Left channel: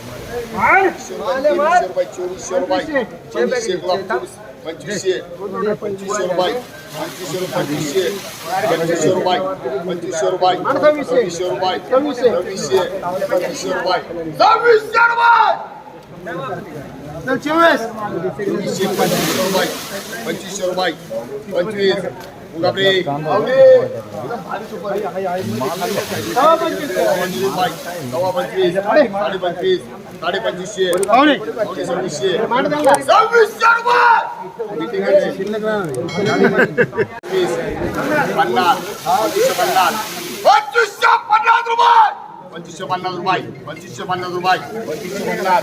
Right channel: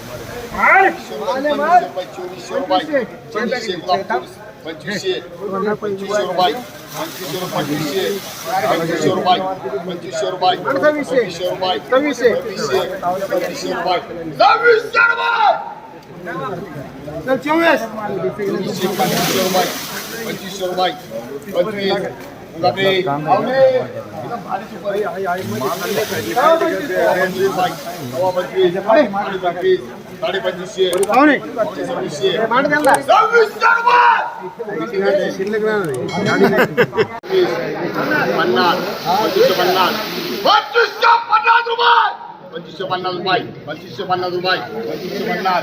रुपये रुपये पंचवीसशे पंचवीसशे पंचवीसशे रुपये पंचवीसशे रुपये पंचवीसशे पंचवीसशे रुपये पंचवीसशे रुपये पंचवीसशे रुपये सव्वीसशे पंचवीसशे रुपये सव्वीसशे रुपये पंचवीसशे पंचवीसशे रुपये पंचवीसशे रुपये पंचवीस बापरे पंचवीस बाई सव्वा पंचवीस साडे पंचवीस साडे पंचवीसशे पंचवीसशे पन्नास रुपये पंचवीसशे पन्नास रुपये पंचवीसशे पन्नास.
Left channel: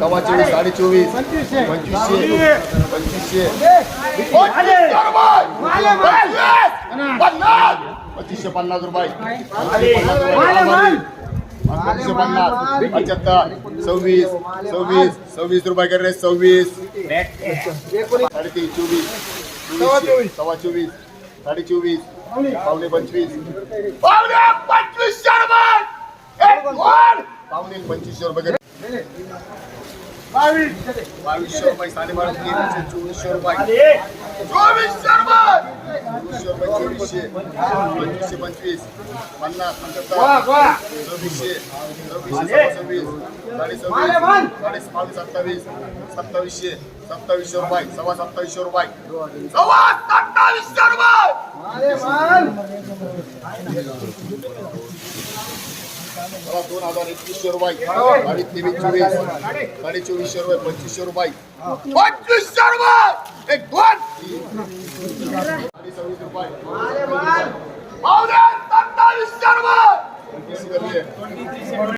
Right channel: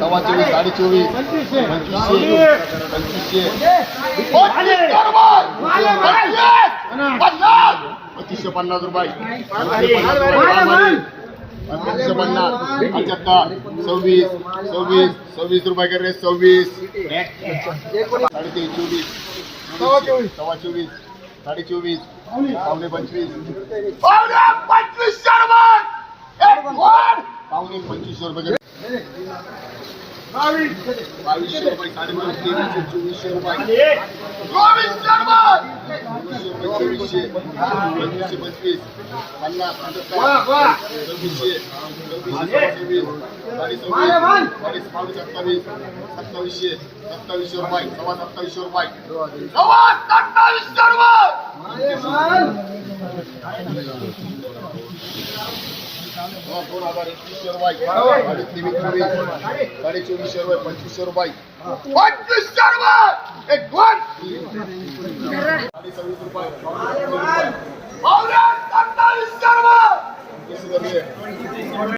सव्वा चोवीस साडे चोवीस पंचवीसशे पंचवीसशे. पंचवीसशे पन्नास रुपये पंचवीसशे पन्नास पंच्याहत्तर सव्वीस सव्वीस सव्वीस रुपये करे सव्वीस. साडेतीन चोवीस चोवीस सव्वा चोवीस साडे चोवीस. पावणे पंचवीस पावणे एक वन. पावणे पंचवीसशे रुपये. बावीसशे रुपये साडेबारा तेवीसशे चोवीसशे रुपये चोवीसशे रुपये चोवीसशे चोवीसशे पंचवीसशे पंचवीस पन्नास पंच्याहत्तर सव्वीसशे सव्वीसशे सव्वीस सत्तावीस सत्तावीसशे सत्तावीसशे रुपये सव्वा सत्तावीसशे रुपये सव्वा सत्तावीसशे रुपये दोन हजार एकवीसशे रुपये साडे तेवीस चोवीस साडे चोवीसशे रुपये पंचवीसशे रुपये पंचवीसशे रुपये एक दोन साडे सव्वीस रुपये पावणे सत्तावीसशे रुपये पंचवीस रुपये